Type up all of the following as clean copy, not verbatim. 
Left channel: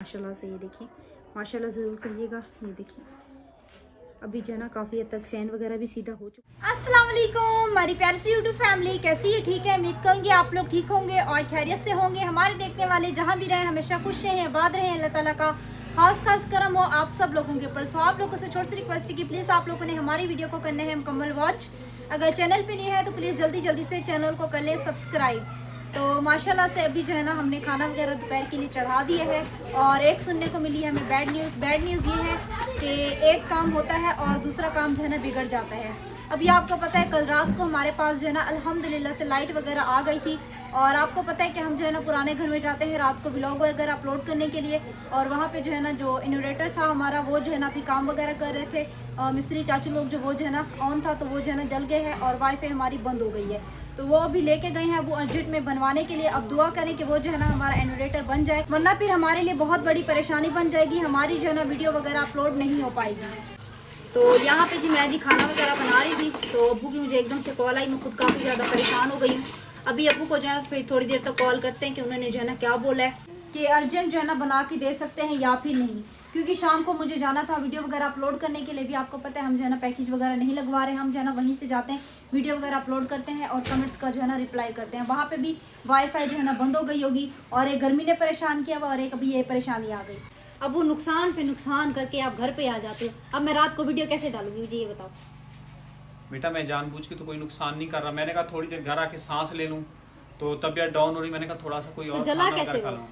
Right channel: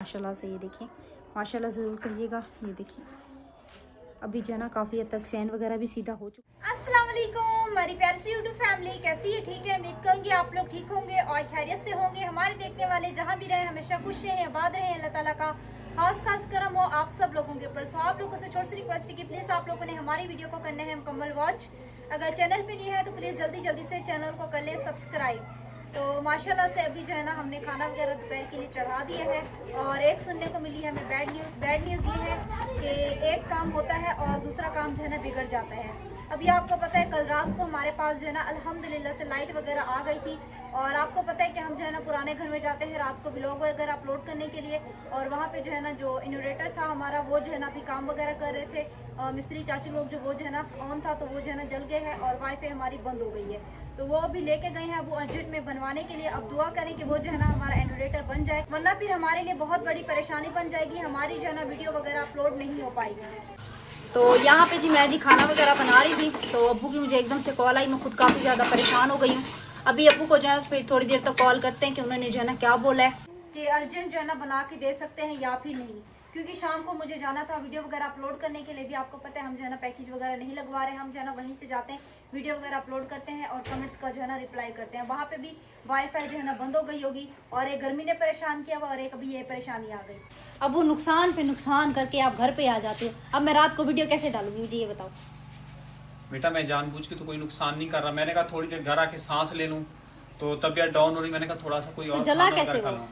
माशाल्लाह से। ये देखिए, माशाल्लाह ज़रूर करिएगा। ये देखिए अभी जो है ना काफ़ी हद तक सैन वगैरह भी सीधा हो चुका। अस्सलाम वालेकुम हमारी प्यारी सी यूट्यूब फैमिली, कैसी है? ठीक है, उम्मीद करूँगी आप लोग ठीक होंगे और खैरियत से होंगे। हमारे देखने वाले जहाँ भी रहें हमेशा खुश रहें, आबाद रहें। अल्लाह ताला का खास करम हो आप सब लोगों के ऊपर। सो आप लोगों से छोटी सी रिक्वेस्ट है कि प्लीज़ आप लोगों ने हमारी वीडियो को करना है मुकम्मल वॉच। अगर चैनल पे नहीं है तो प्लीज़ जल्दी से चैनल को कर लें सब्सक्राइब। तो माशाल्लाह से अभी जो है ना हमने खाना वगैरह दोपहर के लिए चढ़ा दिया है। और एक सुनने को मिली है हमें बैड न्यूज़ ये है कि एक काम होता है और दूसरा काम जो है ना बिगड़ जाता है। अभी आपको पता है कल रात को हमारे पास जो है ना अल्हम्दुलिल्लाह से लाइट वगैरह आ गई थी। और आपको पता है कि हम जो है ना पुराने घर में जाते हैं रात को व्लॉग वगैरह अपलोड करने के लिए। और वहाँ पे जो है ना जो इन्वर्टर था हमारा वो जो है ना अभी काम वगैरह कर रहे थे मिस्त्री चाचू लोग, जो वो जो है ना ऑन था तो वो जो है ना जल गए हैं और वाईफाई हमारी बंद हो गई है। तो वो अभी लेके गए हैं वो अर्जेंट में बनवाने के लिए। अब दुआ करें कि वो जो है ना हमारा इन्वर्टर बन जाए, वरना फिर हमारे लिए बहुत बड़ी परेशानी बन जाएगी। हमारी जो है ना वीडियो वगैरह अपलोड नहीं हो पाएगी। तो यहाँ पे जी मैं जी खाना वगैरह बना रही थी तो अब्बू की मुझे एकदम से कॉल आई। मैं खुद काफ़ी ज़्यादा परेशान हो गई हूँ। अभी अब्बू को जो है फिर थोड़ी देर तक कॉल करते हैं कि उन्होंने जो है ना क्या बोला है कि अर्जेंट जो है ना बना के दे सकते हैं या फिर नहीं, क्योंकि शाम को मुझे जाना था वीडियो वगैरह अपलोड करने के लिए। भी आपको पता है हम जो है ना पैकेज वगैरह नहीं लगवा रहे हैं, हम जो है ना वहीं से जाते हैं वीडियो वगैरह अपलोड करते हैं और कमेंट्स का जो है ना रिप्लाई करते हैं। वहाँ पे भी वाईफाई जो है ना बंद हो गई होगी और एक गर्मी ने परेशान किया और एक अभी ये परेशानी आ गई। अब वो नुकसान पे नुकसान करके आप घर पे आ जाते हो। अब मैं रात को वीडियो कैसे डालूंगी मुझे ये बताओ। बेटा मैं जानबूझ के तो कोई नुकसान नहीं कर रहा। मैंने कहा थोड़ी देर घर आके सांस ले लूं तो तबीयत डाउन हो रही। मैंने कहा थोड़ा सा कोई और जला खाना कैसे खा लूं।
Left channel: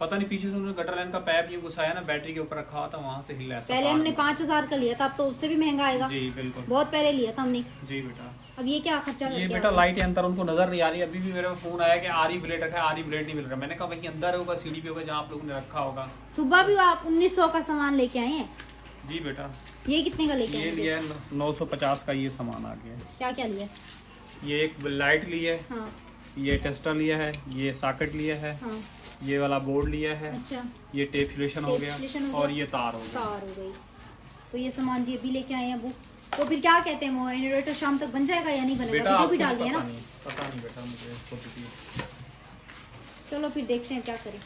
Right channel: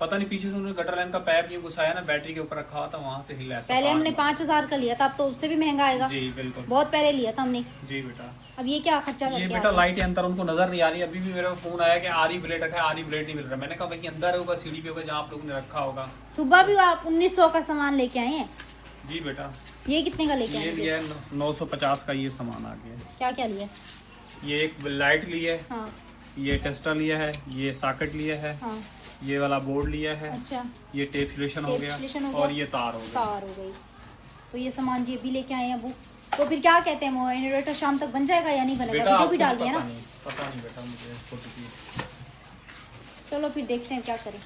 पता नहीं पीछे से उन्होंने गटर लाइन का पाइप ये घुसाया ना, बैटरी के ऊपर रखा हुआ था, वहां से हिला। पहले हमने 5000 का लिया था, अब तो उससे भी महंगा आएगा। जी बिल्कुल, बहुत पहले लिया था हमने। जी बेटा। अब ये क्या खर्चा करके ये बेटा लाइट के अंदर उनको नजर नहीं आ रही। अभी भी मेरे फोन आया कि आरी ब्लेड रखा है, आरी ब्लेड नहीं मिल रहा। मैंने कहा भाई अंदर होगा, सीढ़ी पे होगा जहाँ आप लोगों ने रखा होगा। सुबह भी आप 1900 का सामान लेके आए हैं। जी बेटा। ये कितने का लेके आए? ये 950 का ये सामान आ गया। क्या क्या लिया? ये एक लाइट ली है, हाँ। ये टेस्टर लिया है, ये सॉकेट लिया है, हाँ। ये वाला बोर्ड लिया है। अच्छा। ये टेप सिलेक्शन हो गया और ये तार हो गई। तो ये सामान जी अभी लेके आए हैं अबू। तो फिर क्या कहते हैं वो इन्वर्टर शाम तक बन जाएगा या नहीं बनेगा? बेटा भी डाल दिया ना? पता नहीं बेटा मुझे। चलो फिर देखते हैं क्या करें।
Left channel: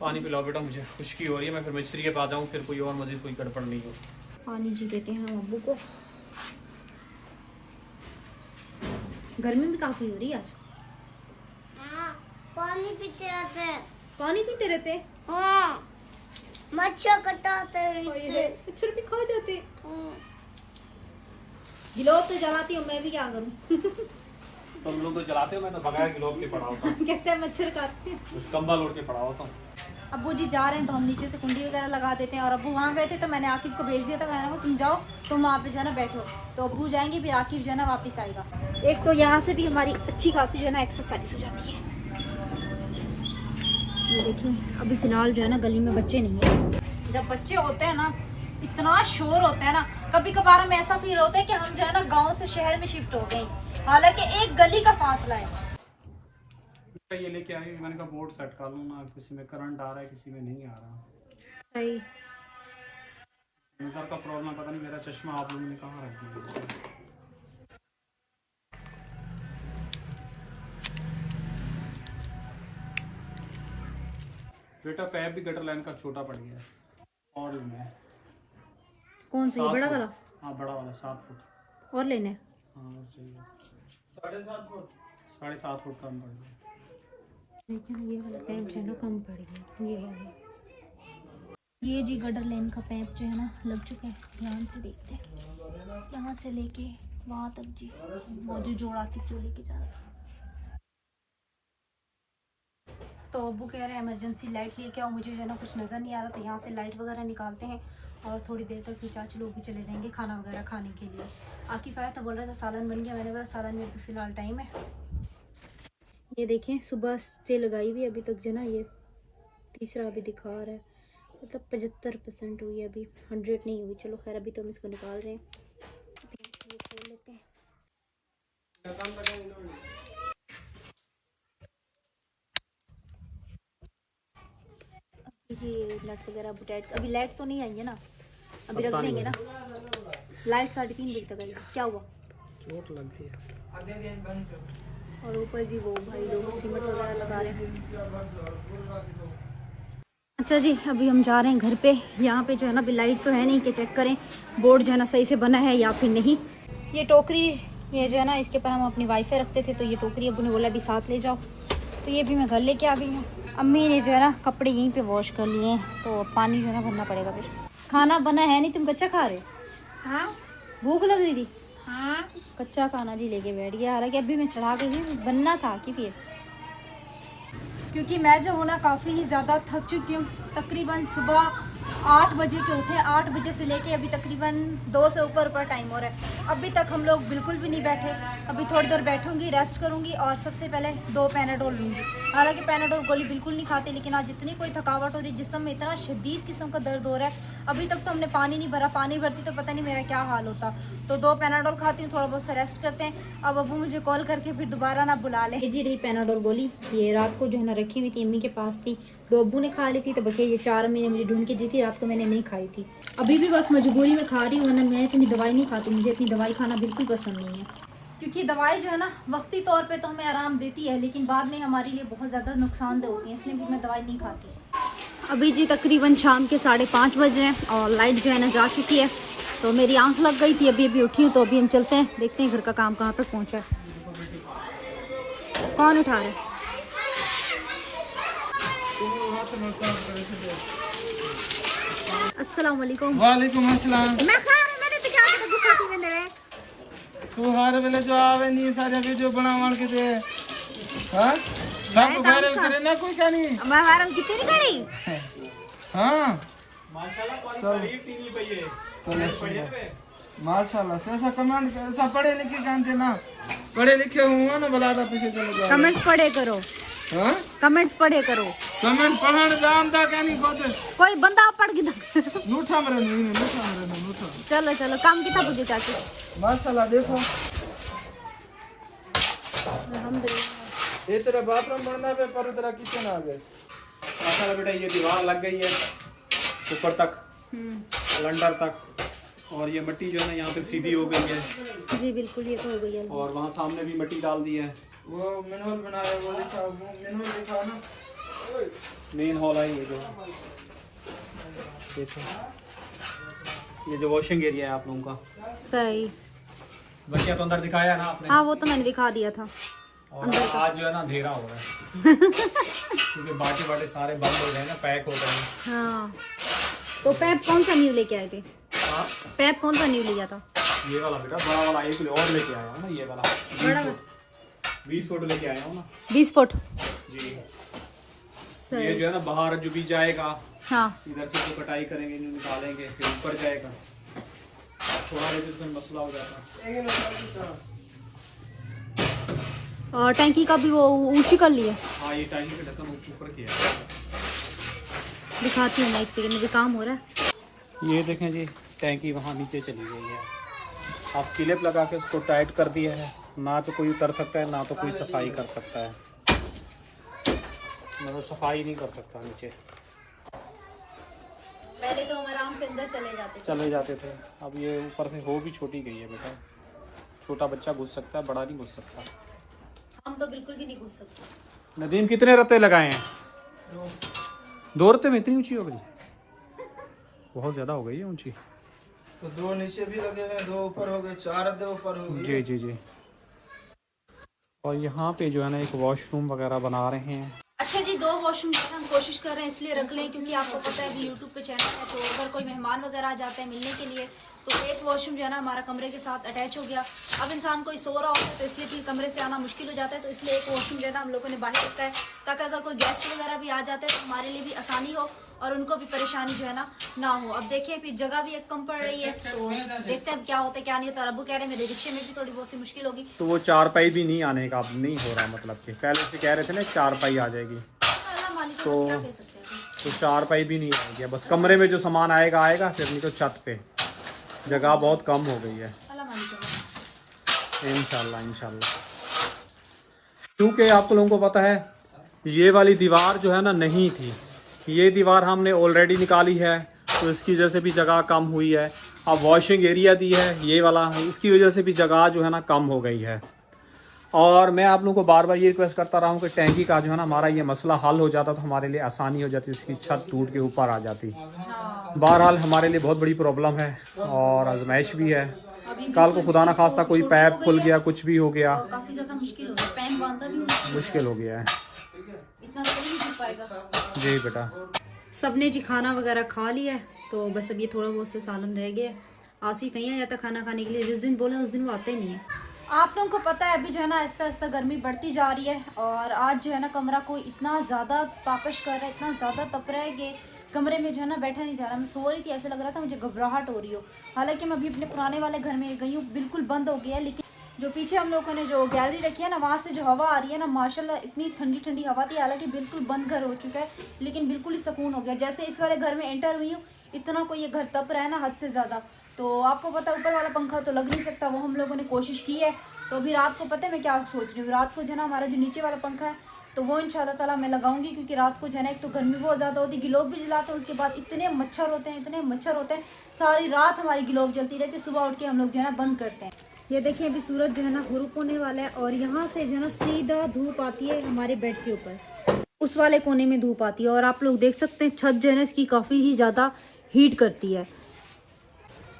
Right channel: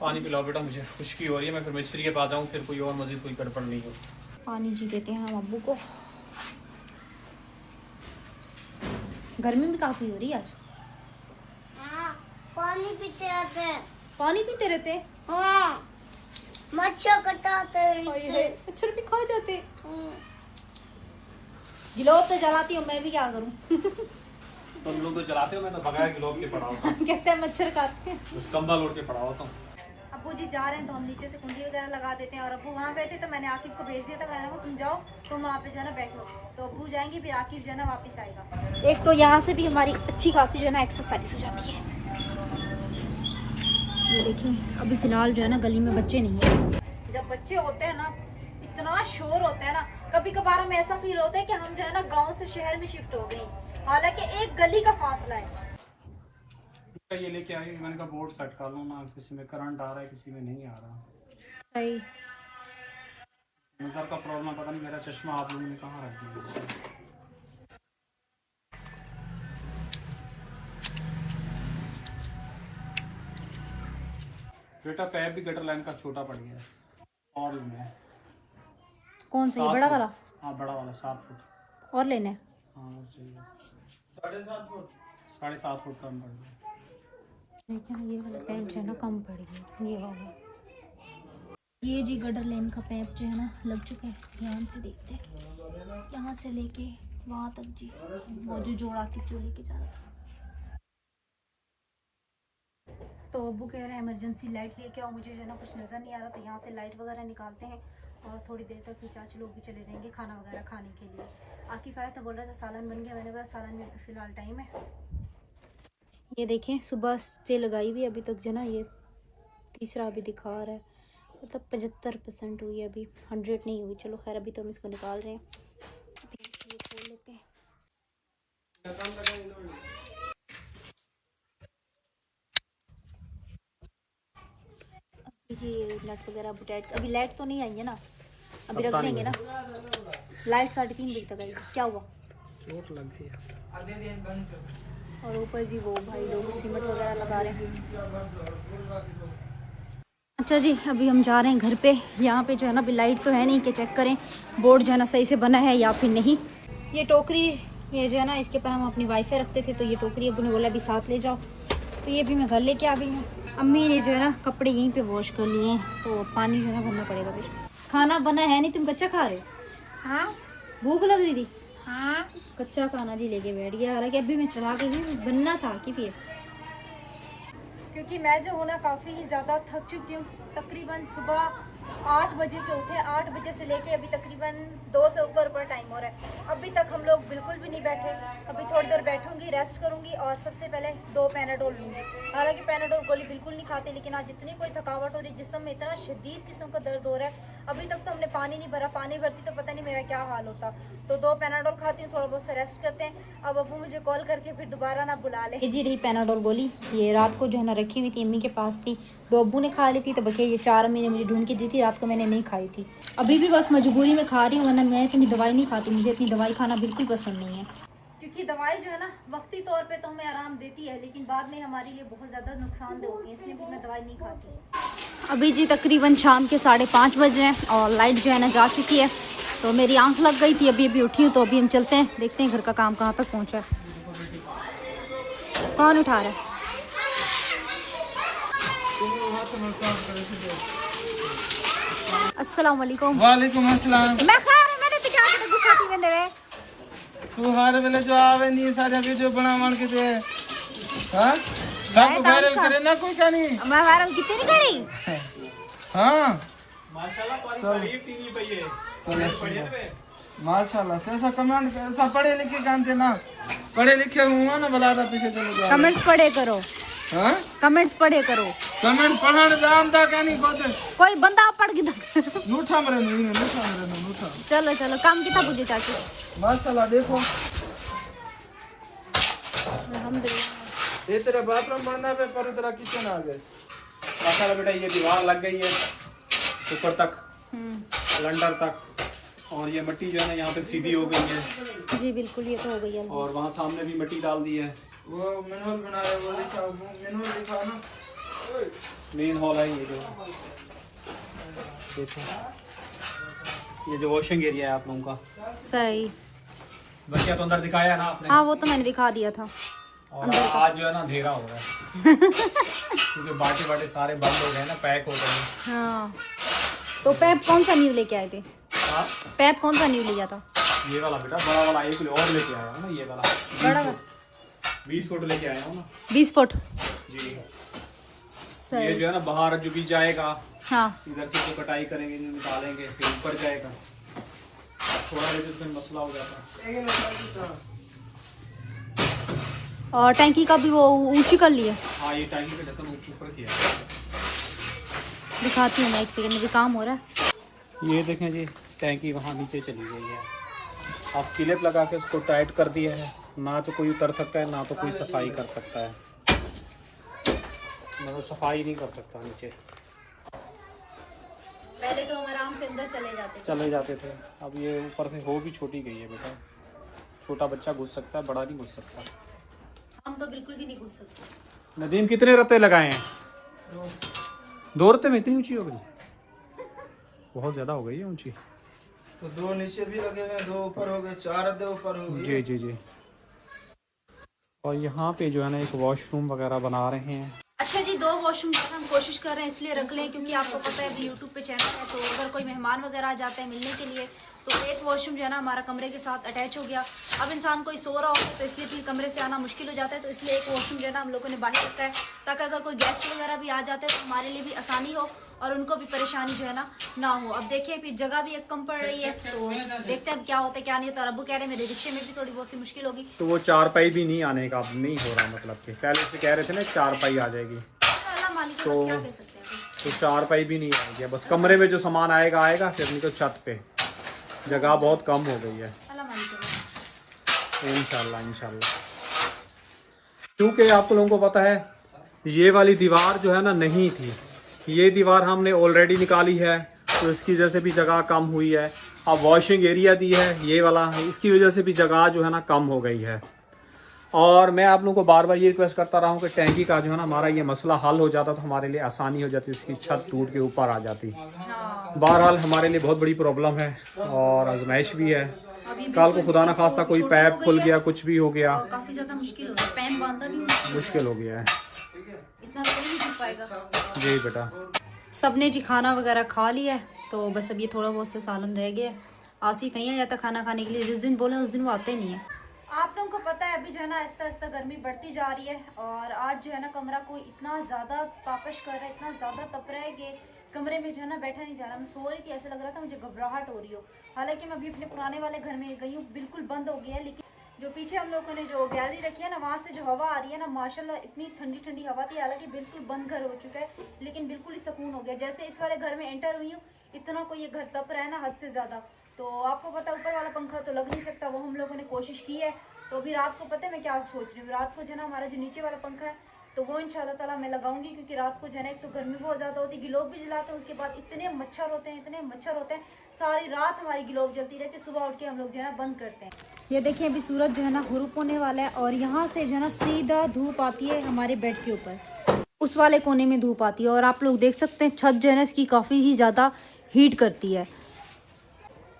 पानी पिलाओ बेटा, मुझे खुश्की हो रही है। मैं फिर मिस्त्री के पास जाऊँ, फिर कोई और मजीद कोई गड़बड़ नहीं हो। पानी जी देते हैं हम अब्बू को। गर्मी भी काफी हो रही है आज। पानी पीते रहते। पानी पीते रहते? हाँ, मच्छर कटाते मच्छर भी खा जाते। गिलोब पे जलाती हूँ मैं भी, क्या करूँ? तुम लोग तो जलाते हो, मैं तो बगैर गिलोब के पड़ा होता हूँ। कहते हैं मच्छर काटते हैं। इस कंबल ओढ़ के पड़ा होता हूँ। अब्बू जी जा रहे हैं तो हम नीचे से कुंडी वगैरह लगा देते हैं। और अब्बू वहाँ गए थे तो मैंने आकिफ को भेज दिया था, कहना तुम जाओ, तुम वहाँ पे जो है ना बैठो। तो अब्बू जाएंगे फिर आकिफ जो है ना वापस आएगा। एक तो यहाँ से भी हमारी अच्छी खासी जो है ना एक्सरसाइज हो जाती है। ये देखिए अभी फिलहाल जो है ना गली में बच्चे नहीं है। जब बच्चे होते हैं ना इतना शोर होता है ना, कभी कभार हमें ऐसा फील होता है कि हम जो है ना गांव से शहर में शिफ्ट हो गए, हालांकि एक गली का फासला है। ये लेके आए, मैंने कहा बोर्ड सेट कर लो ना, किसी में करंट आ रहा है किसी में नहीं आ रहा। सही। नजर का प्रॉब्लम पता नहीं, मेरा चश्मा आप लोगों ने कहाँ रख दिया। बेटा पैप भी गटर लाइन का छोटा पड़ गया और में। कौन सा? ये बड़ा वाला? हाँ बड़ा वाला 7 फुट और लेने? हाँ वो चाहिए। 7.5 फुट 7.5 फुट कम पड़ गया। ये वाला पैप जो है ना कम पड़ गया। ये वाला, ये जी गटर लाइन का पैप जो है ना लग चुका है। ध्यान से देखते हैं, यहाँ से लेके वहाँ तक जी वो जो जोड़ा के जो लेके जा रहा था। तो अब्बू कह रहे हैं इमरजेंसी लाइट लेके आओ, मुझे जो है ना कुछ नज़र नहीं आ रहा। तो यहाँ से लाइट वगैरह निकालते हैं और थोड़ी देर तक फिर चाचू लोग भी चले जाएंगे खाना वगैरह खाने के लिए। आकिफ आया तो बोल रहा था सालन बन गया। मैंने बोला सालन में भी फ़िलहाल टाइम है। ये देखें सुबह से लगाई हुई अभी तक जो ना ये तीसरा अभी दिखा रहा है, मतलब 75% हुई है, अभी 100 नहीं हुई। चलो खैर अभी तो हम इसको निकाल रहे हैं। ये खोल लेते हैं। ये नट वगैरह बुटाइट अभी लाइट तो नहीं आई है ना, अभी रख देंगे ना। लाइट 3:30 बजे तक आई। क्या हुआ? चोट लग गई। और ऊपर जी वो भाई लोग सीमेंट वगैरह लगा रहे हैं। अच्छा जी, अभी हम जा रहे हैं घर पे। यहाँ पे जो है ना अभी लाइट तो है नहीं कि चेक करें बोर्ड जो है ना सही से बना है या फिर नहीं। ये टोकरी, ये जो है ना इसके ऊपर हम अपनी वाईफाई रखते थे, तो ये टोकरी अभी ने बोला अभी साथ ले जाओ, तो ये भी मैं घर लेके आ गई। अम्मी ने जो है ना कपड़े यहीं पे वॉश कर लिए हैं, तो पानी जो है ना भरना पड़ेगा। फिर खाना बना है नहीं, तुम कच्चा खा रहे? हाँ भूख लग रही थी? हाँ कच्चा खाना जी लेके बैठ गया। हालांकि अभी मैं चढ़ा गई थी, बनना था कि फिर, क्योंकि मैं जो हूँ ना काफ़ी ही ज़्यादा थक चुकी हूँ। तकरीबन सुबह 8 बजे के उठे, 8 बजे से लेके अभी तकरीबन 2 से ऊपर टाइम हो रहा है। अभी तक हम लोग बिल्कुल भी नहीं बैठे। अभी थोड़ी देर बैठूंगी, रेस्ट करूंगी और सबसे पहले 2 पैनाडोल लूँगी। हालांकि पैनाडोल गोली बिल्कुल नहीं खाते, लेकिन आज इतनी कोई थकावट हो रही है, जिस्म में इतना शदीद किस्म का दर्द हो रहा है। अभी तक तो हमने पानी नहीं भरा, पानी भरती तो पता नहीं मेरा क्या हाल होता। तो 2 पैनाडोल खाती हूँ, थोड़ा बहुत सा रेस्ट करते हैं। अब अबू मुझे कॉल करके फिर दोबारा ना बुला लें। जी रही पैनाडोल गोली, ये रात को जो है ना रखी हुई थी, अम्मी के पास थी, 2 अबू ने खा ली थी, तो बल्कि ये 4 अम्मी ने मुझे ढूंढ के दी थी, रात को मैंने नहीं खाई थी। अभी भी बस मजबूरी में खा रही हूँ, वरना मैं इतनी दवाई नहीं खाती। मुझे इतनी दवाई खाना बिल्कुल पसंद नहीं है, क्योंकि दवाई जो है ना वक्ती तौर पे तो हमें आराम देती है, लेकिन बाद में हमारे लिए बहुत ज़्यादा नुकसानदेह होती है, इसलिए भी मैं दवाई नहीं खाती। अभी जी तकरीबन शाम के 5:30 बजे हैं और लाइट जो है ना जा चुकी है, तो मेरी आंख लग गई थी। अभी उठी हूँ, तो अभी हम चलते हैं, देखते हैं घर का काम कहाँ तक पहुँचा है। कौन उठा रहा है? अस्सलाम वालेकुम। वालेकुम अस्सलाम। मैं खा रहा, मैंने दिखा के गुस्सा थी में देवे तू हर वेले जो आवे नहीं सारे वीडियो बना मान के दे। हां सब वायरल करे ना कोई कहानी। मैं वायरल कितनी करी? हां माशाल्लाह तारीफ टीवी पे ये माशाल्लाह से ऐसा कमेंट ऐसा पढ़े लिखे जानते ना, पढ़े लिखे हुआ ना बलादा पीछे चले जाओ। कमेंट्स पढ़े करो। हां कमेंट्स पढ़े करो। कमेंट पढ़न दाम ता कहानी खुद कोई बंदा पढ़ के नूठा मरे नूठा। चलो चलो काम कितना मुझे चाची। माशाल्लाह देखो अल्हम्दुलिल्लाह। ये तेरा बाथरूम बंदा पे पर तेरा किचन आ गए। माशाल्लाह बेटा ये दीवार लग गई है ऊपर तक, लंडर तक, और ये मिट्टी जो है ना यहाँ पे सीधी हो गई है। जी बिल्कुल, ये तो हो गई है। और वहाँ सामने भी मिट्टी डाल दी है। वो मैनुअल बनाया वाले साहब मैनुअल दिखाओ ना। मेन हॉल है ये जो, देखो ये जो वॉशिंग एरिया है आप लोगों का। सही। बच्चा तो अंदर दिखाया ना आपने? हाँ वो तो मैंने दिखा दिया था। और आज जो है ना अंधेरा हो गया क्योंकि बाटे सारे बंद हो गए ना, पैक हो गए। हाँ तो पैप कौन सा न्यू लेके आए थे? पैप कौन सा न्यू लिया था? ये वाला बेटा बड़ा वाला एक और लेके आया हूँ ना, ये वाला बड़ा 20 फुट लेके आया हूँ ना। 20 फुट। जी ये सही। जो है ना बाहर जो भी जाएगा, हाँ इधर से जो कटाई करेंगे निकालेंगे फिर ऊपर जाएगा, थोड़ा इसमें मसला हो जाता है। और टैंकी का भी वो ऊंची कर लिए? हाँ ये टैंकी का ढक्कन ऊपर किया, दिखाती हूँ मैं, एक सेकंड में भी काम हो रहा है। ये देखें जी टैंकी वहाँ नीचे चली गई है। अब क्लिप लगा के उसको टाइट कर दिया है, ना तो कोई उतर सकता है ना तो कोई सफाई कर सकता है। वो सफाई नहीं कर सकता नीचे, पहले तो आराम से अंदर चले जाते थे। अब ये ऊपर से हो भी छोटी गई है बेटा, छोटा बच्चा घुस सकता है, बड़ा नहीं घुस सकता। हम तो बिल्कुल भी नहीं घुस सकते। नदीम कितने रत्ते लगाए हैं? 2 रत्ते में इतनी ऊंची हो गई? बहुत ज्यादा हो गई है ऊंची। तो 2 नीचे भी लगे हैं, 2 ऊपर हो गए, 4 दे ऊपर हो गए। जी जी जी। और यहाँ पे जो है ना एक वॉशरूम वगैरह बना रहे हैं। अच्छा जी, 2 वॉशरूम हम कोशिश कर रहे हैं इसलिए रख लें क्योंकि आपको पता है कि यूट्यूब पे चैनल है, तो अगर कोई मेहमान वगैरह आ जाते हैं मिलने के लिए, तो एक वॉशरूम जो है ना हमारा कमरे के साथ अटैच हो गया। अब इंसान कोई सो रहा होता है तो इसलिए कि कमरे से आना मुश्किल हो जाता है, तो इसलिए एक वॉशरूम जो है ना हम लोगों ने बाहर रखा है, ताकि अगर कोई गेस्ट वगैरह भी आ जाते हैं तो हमारे लिए भी आसानी हो और उनको भी परेशानी जो है ना हो। अब देखिए फिर जगह भी एक कम पड़ रही है, तो देखते हैं अब क्या होता है क्या नहीं होता। अबू कह रहे मेरे रिक्शे में भी थोड़ी बहुत सी मुश्किल होगी। तो वो 4 पाई भी नहीं आने का अब नहीं हो रहा, मतलब कि पहले से कह रहे थे ना 4 पाई आ जाएगी, तो 4 पाई भी नहीं आएगी। बस कमरे में जो सामान आएगा आएगा, फिर नहीं तो छत पे। जगह बहुत कम हो गई है। इंशाल्लाह इंशाल्लाह। क्योंकि आप लोगों को पता है ये वाली दीवार जो है ना नहीं थी, ये दीवार हमने ऑलरेडी निकाली है, तो इसकी वजह से भी जगह कम हुई है। अब वॉशिंग एरिया दी है ये वाला, इसकी वजह से भी जगह जो है ना कम हो गई है। और मैं आप लोगों को बार बार ये रिक्वेस्ट करता रहा हूँ कि टैंकी का जो है ना हमारा ये मसला हल हो जाता तो हमारे लिए आसानी हो जाती, उसकी छत टूट के ऊपर आ जाती। बहरहाल हमारे लिए बहुत बड़ी प्रॉब्लम है और आजमाइश भी है। कल को खुदा ना खास्ता कोई पैप खुल गया, कुछ भी हो गया, काफी ज्यादा मुश्किल हो गया, पैन बांधना भी मुश्किल हो गया है। इतना तो नहीं कर पाएगा। जी बेटा, सबने जी खाना वगैरह खा लिया है, तो बस अब ये थोड़ा बहुत से सालन रह गया। आसिफ नहीं आ जाता खाना खाने के लिए, जिस दिन बोले उस दिन वो आते नहीं है। आप लोगों को पता है अभी जो है ना आहिस्ता आहिस्ता गर्मी बढ़ती जा रही है, और आज जो है ना कमरा को इतना ज़्यादा तापश कर रहा है, इतना ज़्यादा तप रहा है कि कमरे में जो है ना बैठा नहीं जा रहा। मैं सो रही थी, ऐसे लग रहा था मुझे घबराहट हो रही हो। हालांकि मैं अभी अपने पुराने वाले घर में गई हूँ, बिल्कुल बंद हो गया है, लेकिन जो पीछे हम लोगों ने जो गैलरी रखी है ना, वहाँ से जो हवा आ रही है ना, माशाल्लाह इतनी ठंडी ठंडी हवा थी। हालांकि बिल्कुल बंद घर हो चुका है, लेकिन बिल्कुल ही सुकून हो गया। जैसे इस वाले घर में एंटर हुई हूँ, इतना कोई ये घर तप रहा है ना हद से ज़्यादा। तो आपको पता है ऊपर वाला पंखा तो लग नहीं सकता, वो हम लोगों ने कोशिश की है। तो अभी रात को पता है मैं क्या सोच रही हूँ, रात को जो है ना हमारा जो नीचे वाला पंखा है तो वो इंशाल्लाह ताला मैं लगाऊंगी, क्योंकि रात को जो है ना एक तो गर्मी बहुत ज़्यादा होती है, गिलोब भी जलाते हैं, उसके बाद इतने मच्छर होते हैं, इतने मच्छर होते हैं, सारी रात हमारी गिलोब जलती रहती है। सुबह उठ के हम लोग जो है ना बंद करते हैं। ये देखिए अभी सूरज जो है ना हुरूप होने वाला है, और यहाँ से जो है ना सीधा धूप आती है हमारे बेड के ऊपर, उस वाले कोने में धूप आती है। और आप लोग देख सकते हैं छत जो है ना इसकी काफ़ी ही ज़्यादा हीट करती है,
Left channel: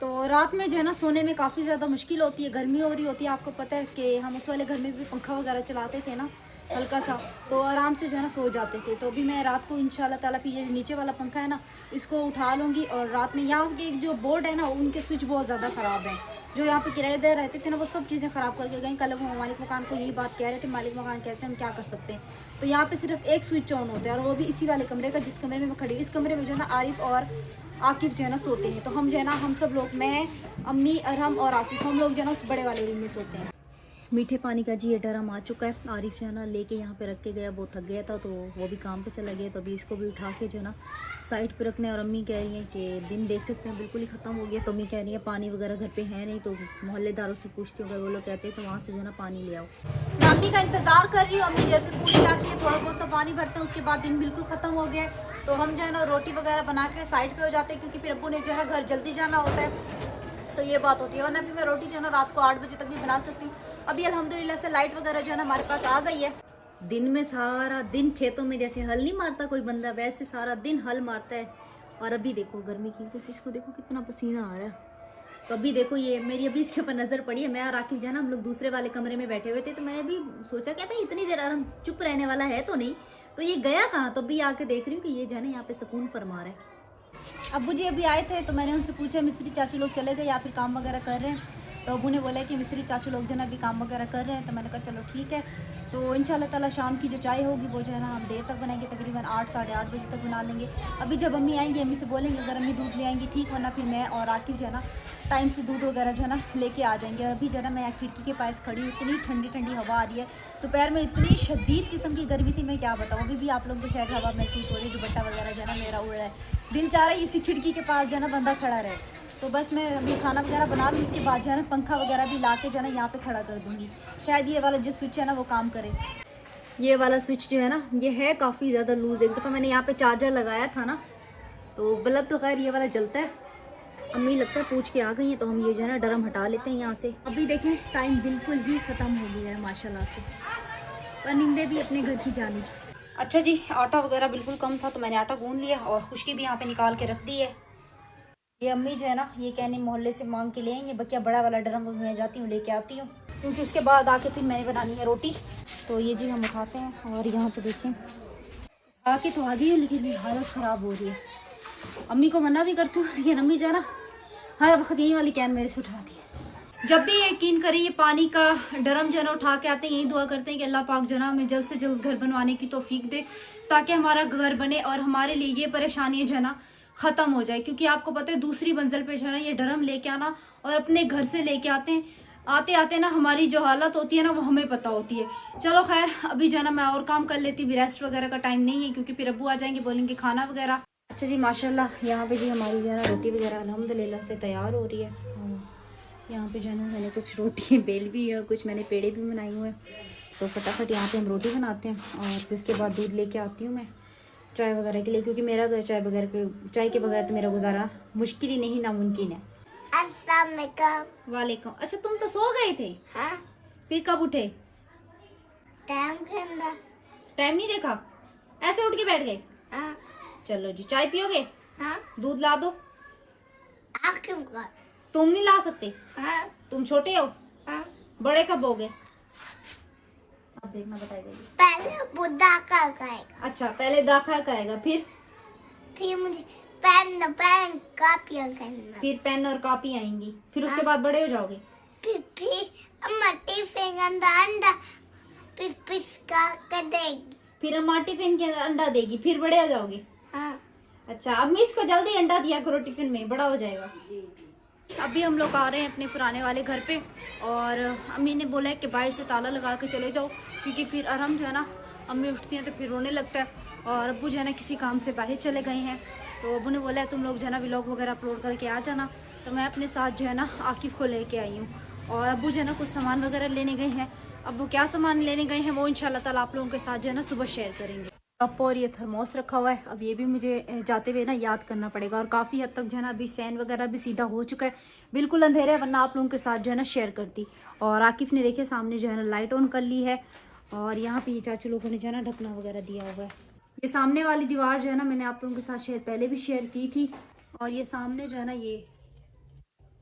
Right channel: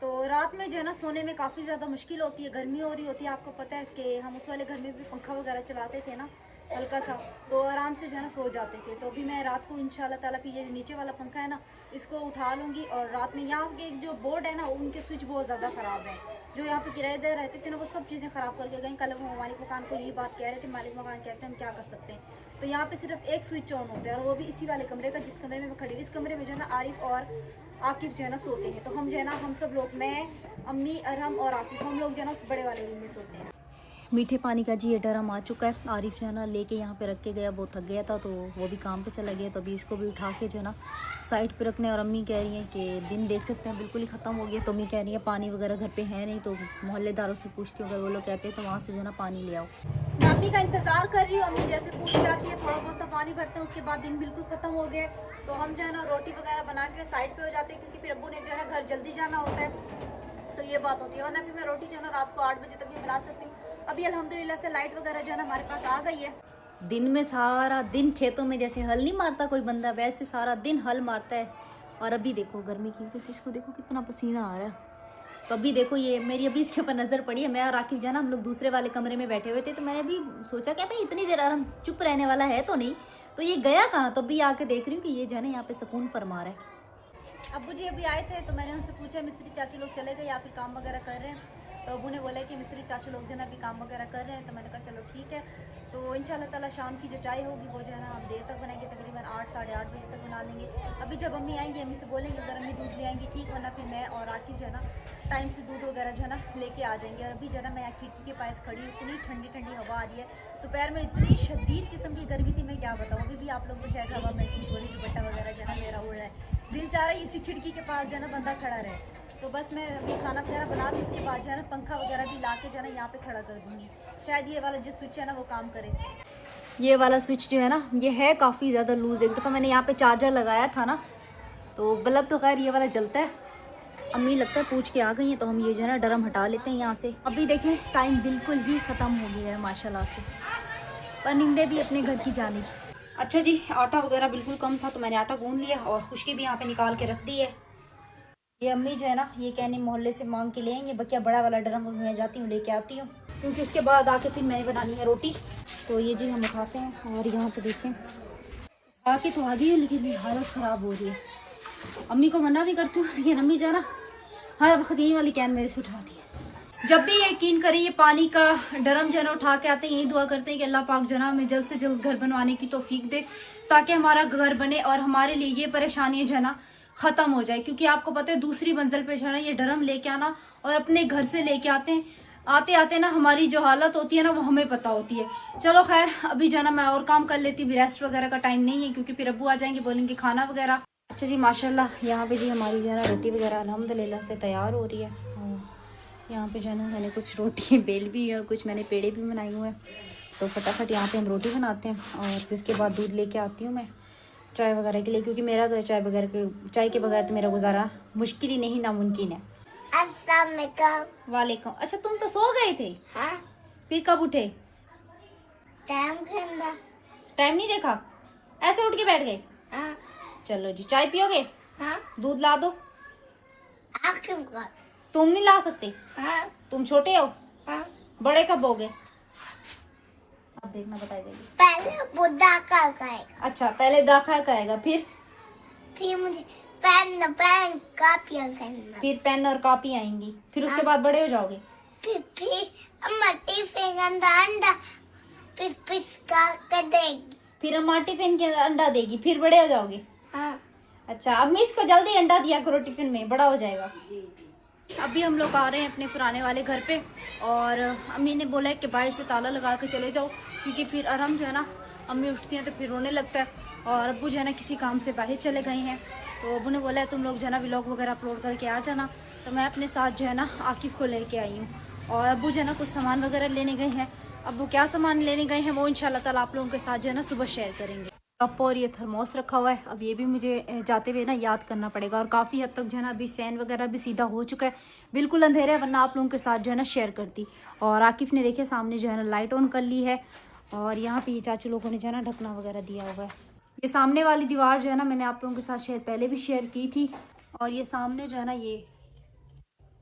तो रात में जो है ना सोने में काफ़ी ज़्यादा मुश्किल होती है, गर्मी हो रही होती है। आपको पता है कि हम उस वाले घर में भी पंखा वगैरह चलाते थे ना हल्का सा, तो आराम से जो है ना सो जाते थे। तो अभी मैं रात को इंशाल्लाह ताला फिर ये नीचे वाला पंखा है ना इसको उठा लूँगी, और रात में यहाँ के जो बोर्ड है ना उनके स्विच बहुत ज़्यादा ख़राब हैं। जो यहाँ पे किराएदार रहते थे ना वो सब चीज़ें ख़राब करके गए। कल वो मालिक मकान को यही बात कह रहे थे, मालिक मकान कहते हैं हम क्या कर सकते हैं। तो यहाँ पे सिर्फ एक स्विच ऑन होता है, और वो भी इसी वाले कमरे का, जिस कमरे में मैं खड़ी। इस कमरे में जो है ना आरिफ और आकिफ जो है ना सोते हैं। तो हम जो है ना हम सब लोग, मैं, अम्मी, अरहम और आसिफ, हम लोग जो है ना उस बड़े वाले रूम में सोते हैं। मीठे पानी का जी ये ड्रम आ चुका है। आरिफ जो है ना लेके यहाँ पे रख के गया, बहुत थक गया था तो वो भी काम पे चला गया। तो अभी इसको भी उठा के जो है ना साइड पे रखने। और अम्मी कह रही हैं कि दिन देख सकते हैं बिल्कुल ही ख़त्म हो गया। तो अम्मी कह रही है पानी वगैरह घर पे है नहीं, तो मोहल्लेदारों से पूछती हूँ, अगर वो लोग कहते हैं तो वहाँ से जो है ना पानी ले आओ। मैं अम्मी का इंतज़ार कर रही हूँ। अम्मी जैसे पूछ जाती है, थोड़ा बहुत सा पानी भरते हैं, उसके बाद दिन बिल्कुल ख़त्म हो गया। तो हम जो है ना रोटी वगैरह बना के साइड पर हो जाते हैं, क्योंकि फिर अप्पू ने जो है ना घर जल्दी जाना होता है। तो ये बात होती है, वरना भी मैं रोटी जो है ना रात को 8 बजे तक भी बना सकती हूँ। अभी अल्हम्दुलिल्लाह से लाइट वगैरह जो है ना हमारे पास आ गई है। दिन में सारा दिन खेतों में जैसे हल नहीं मारता कोई बंदा, वैसे सारा दिन हल मारता है। और अभी देखो गर्मी की वजह से इसको देखो कितना पसीना आ रहा है। तो अभी देखो ये मेरी अभी इसके ऊपर नज़र पड़ी है। मैं और राकिब जो है ना हम लोग दूसरे वाले कमरे में बैठे हुए थे, तो मैंने अभी सोचा कि भाई इतनी देर आराम चुप रहने वाला है तो नहीं, तो ये गया कहाँ। तो अभी आके देख रही हूँ कि ये जो है ना यहाँ पे सुकून फरमा रहा है। अब्बू जी अभी आए थे, तो मैंने उनसे पूछा मिस्त्री चाचू लोग चले गए या फिर काम वगैरह कर रहे हैं। तो अब्बू ने बोला कि मिस्त्री चाचू लोग जो है ना अभी काम वगैरह कर रहे हैं। तो मैंने कहा चलो ठीक है। तो इंशाल्लाह ताला शाम की जो चाय होगी वो जो है ना हम देर तक बनाएंगे, तकरीबन 8 साढ़े 8 बजे तक बना लेंगे। अभी जब अम्मी आएंगी अम्मी से बोलेंगे अगर अम्मी दूध ले आएंगी ठीक, वरना फिर मैं और आकिफ जो है ना टाइम से दूध वगैरह जो है ना लेके आ जाएंगे। और अभी जो है ना मैं यहाँ खिड़की के पास खड़ी हूँ, इतनी ठंडी ठंडी हवा आ रही है। दोपहर में इतनी शदीद किस्म की गर्मी थी, मैं क्या बताऊँ। अभी भी आप लोग को शायद हवा महसूस हो रही है, दुपट्टा वगैरह जो है ना मेरा उड़ रहा है। दिल चाह रहा है इसी खिड़की के पास जो है ना बंदा खड़ा रहे। तो बस मैं अभी खाना वगैरह बना लूँ, उसके बाद जो है ना पंखा वगैरह भी ला के जो है ना यहाँ पे खड़ा कर दूँगी। शायद ये वाला जो स्विच है ना वो काम करे। ये वाला स्विच जो है ना ये है काफ़ी ज़्यादा लूज़। एक दफ़ा मैंने यहाँ पे चार्जर लगाया था ना, तो बल्ब तो खैर ये वाला जलता है। अम्मी लगता है पूछ के आ गई हैं, तो हम ये जो है ना ड्रम हटा लेते हैं यहाँ से। अभी देखें टाइम बिल्कुल ही ख़त्म हो गया है माशाल्लाह से, परिंदे भी अपने घर की जानी। अच्छा जी, आटा वगैरह बिल्कुल कम था तो मैंने आटा गूंद लिया और खुशकी भी यहाँ पे निकाल के रख दी है। ये अम्मी जो है ना ये कहने मोहल्ले से मांग के ले आएंगे, बकिया बड़ा वाला ड्रम मैं जाती हूँ लेके आती हूँ, क्योंकि उसके बाद आके फिर मैंने बनानी है रोटी। तो ये जी हम उठाते हैं और यहाँ पे देखें आके तो आ गई है, लेकिन हालत ख़राब हो रही है। अम्मी को मना भी करती हूँ, लेकिन अम्मी जो है ना हर वक्त यही वाली कैन मेरे से उठा दी है। जब भी यकीन करें ये पानी का ड्रम जो है ना उठा के आते हैं, यही दुआ करते हैं कि अल्लाह पाक जो है ना हमें जल्द से जल्द घर बनवाने की तौफीक दे, ताकि हमारा घर बने और हमारे लिए ये परेशानी जो है ना ख़त्म हो जाए। क्योंकि आपको पता है दूसरी मंजिल पे जो है ना ये ड्रम लेके आना और अपने घर से लेके आते हैं, आते आते ना हमारी जो हालत होती है ना वो हमें पता होती है। चलो खैर अभी जाना मैं और काम कर लेती, रेस्ट वगैरह का टाइम नहीं है, क्योंकि फिर अब्बू आ जाएंगे बोलेंगे खाना वगैरह। अच्छा जी माशाल्लाह यहाँ पे जी हमारी जो है ना रोटी वगैरह अल्हम्दुलिल्लाह से तैयार हो रही है। यहाँ पे जो है ना मैंने कुछ रोटी बेल भी है और कुछ मैंने पेड़े भी बनाए हुए हैं। तो फटाफट यहाँ पे हम रोटी बनाते हैं और फिर उसके बाद दूध लेके आती हूँ मैं चाय वगैरह के लिए, क्योंकि मेरा तो चाय के बगैर तो मेरा गुजारा मुश्किल ही नहीं नामुमकिन है। अस्सलाम वालेकुम। वालेकुम। अच्छा तुम तो सो गए थे? हाँ? फिर कब उठे? टाइम खेलना। टाइम नहीं देखा, ऐसे उठ के बैठ गए। हाँ चलो जी, चाय पियोगे? हाँ दूध ला दो। आँखें कर। तुम नहीं ला सकते, हाँ तुम छोटे हो। हाँ बड़े कब होगे? अब देखना बताइए। पहले बुद्धा का खाएगा, अच्छा, पहले दाखा खाएगा, फिर मुझे पेन कापियाँ करना, फिर पेन और कॉपी आएंगी, फिर उसके बाद बड़े हो जाओगे। फिर अम्मा टिफिन अंडा फिर पिसका कर देगी। फिर अम्मा टिफिन के अंडा देगी, फिर बड़े हो जाओगे। हाँ अच्छा, अम्मी इसको जल्दी अंडा दिया करो टिफिन में, बड़ा हो जाएगा। अभी हम लोग आ रहे हैं अपने पुराने वाले घर पे, और अम्मी ने बोला है कि बाहर से ताला लगा के चले जाओ, क्योंकि फिर आराम जो है ना, अम्मी उठती हैं तो फिर रोने लगता है, और अब्बू जो है ना किसी काम से बाहर चले गए हैं। तो अब्बू ने बोला है तुम लोग जो है ना व्लॉग वगैरह अपलोड करके आ जाना। तो मैं अपने साथ जो है ना आकिफ को लेके आई हूँ, और अब्बू जो है ना कुछ सामान वगैरह लेने गए हैं। अब वो क्या सामान लेने गए हैं वो इंशाल्लाह ताला आप लोगों के साथ जो है ना सुबह शेयर करेंगे। कप और ये थर्मोस रखा हुआ है, अब ये भी मुझे जाते हुए ना याद करना पड़ेगा, और काफ़ी हद तक जो है ना अभी सैन वगैरह भी सीधा हो चुका है, बिल्कुल अंधेरा है, वरना आप लोगों के साथ जो है ना शेयर करती। और आकिफ ने देखे सामने जो है ना लाइट ऑन कर ली है, और यहाँ पे ये चाचू लोगों ने जो है ना ढकना वगैरह दिया हुआ है। ये सामने वाली दीवार जो है ना मैंने आप लोगों के साथ शायद पहले भी शेयर की थी, और ये सामने जो है ना ये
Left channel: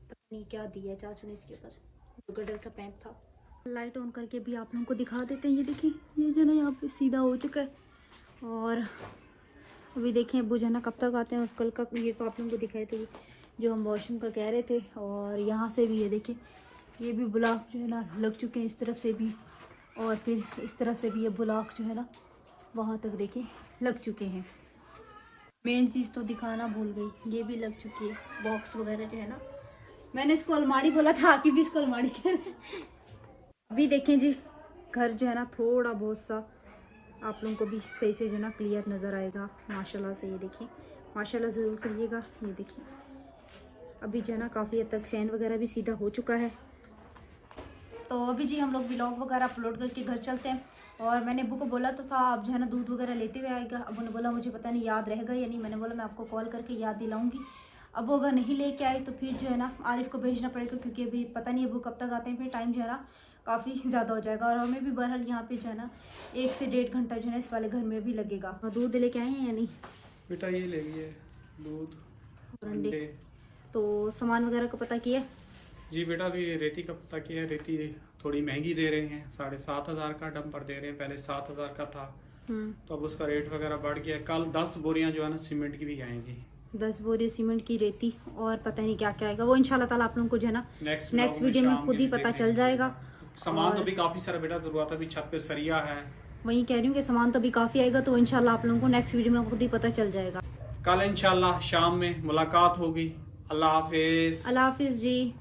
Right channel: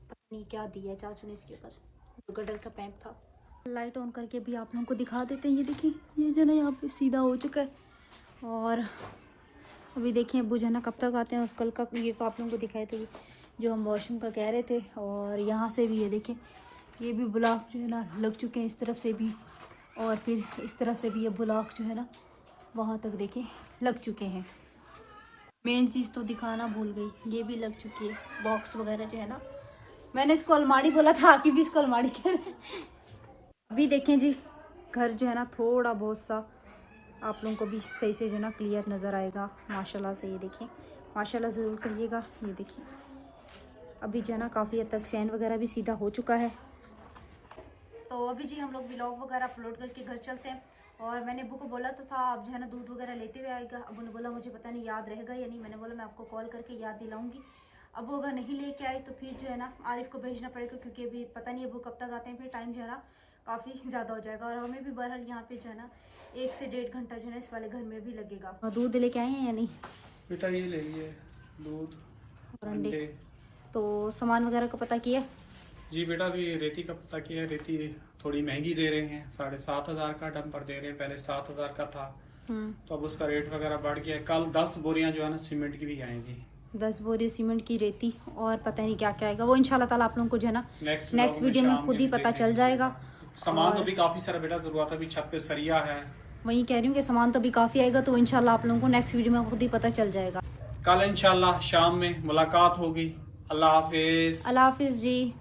पता नहीं क्या दिया है चाचू ने इसके ऊपर, जो गटर का पैंप था। लाइट ऑन करके भी आप लोगों को दिखा देते हैं। ये देखिए, ये जो है ना यहाँ पे सीधा हो चुका है, और अभी देखें अब्बू जो है ना कब तक आते हैं। और कल का ये तो आप लोगों को दिखाए थे, जो हम वॉशरूम का कह रहे थे। और यहाँ से भी ये देखें, ये भी ब्लॉक जो है ना लग चुके हैं इस तरफ से भी, और फिर इस तरफ से भी ये ब्लॉक जो है ना वहाँ तक देखें लग चुके हैं। मेन चीज़ तो दिखाना भूल गई, ये भी लग चुकी है बॉक्स वगैरह जो है ना, मैंने इसको अलमारी बोला था, आके भी इसको अलमारी कह रहे हैं। अभी देखें जी, घर जो है ना थोड़ा बहुत सा आप लोगों को भी सही से जो है ना क्लियर नज़र आएगा माशाल्लाह से। ये देखें, माशाल्लाह ज़रूर करिएगा। ये देखिए, अभी जो है ना काफ़ी हद तक सैन वगैरह भी सीधा हो चुका है। तो अभी जी हम लोग व्लॉग वगैरह अपलोड करके घर चलते हैं। और मैंने अब्बू को बोला तो था आप जो है ना दूध वगैरह लेते हुए आएगा। अब्बू ने बोला मुझे पता नहीं याद रहेगा या नहीं, मैंने बोला मैं आपको कॉल करके याद दिलाऊंगी। अब वो अगर नहीं लेके आए तो फिर जो है ना आरिफ को भेजना पड़ेगा, क्योंकि अभी पता नहीं अब्बू कब तक आते हैं, फिर टाइम जो है ना काफ़ी ज़्यादा हो जाएगा। और हमें भी बहरहाल यहाँ पे जो है ना 1 से 1.5 घंटा जो है इस वाले घर में भी लगेगा। दूध लेके आए हैं या नहीं बेटा? ये ले लिए दूध और अंडे। तो सामान वगैरह का पता किया? जी बेटा, अभी रेती का पता किया। रेती थोड़ी महंगी दे रहे हैं, 7,500 का डंपर दे रहे हैं, पहले 7,000 का था, तो अब उसका रेट वगैरह बढ़ गया है। कल 10 बोरियां जो है ना सीमेंट की भी आएंगी, 10 बोरी सीमेंट की रेती, और पता नहीं क्या क्या आएगा वो इंशाल्लाह ताला आप लोगों को जो है ना नेक्स्ट वीडियो में खुद ही पता चल जाएगा। सामान तो भी काफी सारा बेटा जरूरत है, अभी छत पे सरिया है। वही कह रही हूँ कि सामान तो भी काफी आएगा, तो इंशाल्लाह आप लोगों को नेक्स्ट वीडियो में खुद ही पता चल जाएगा। कल इंशाल्लाह शाम में मुलाकात होगी। अल्लाह हाफिज। अल्लाह हाफिज जी।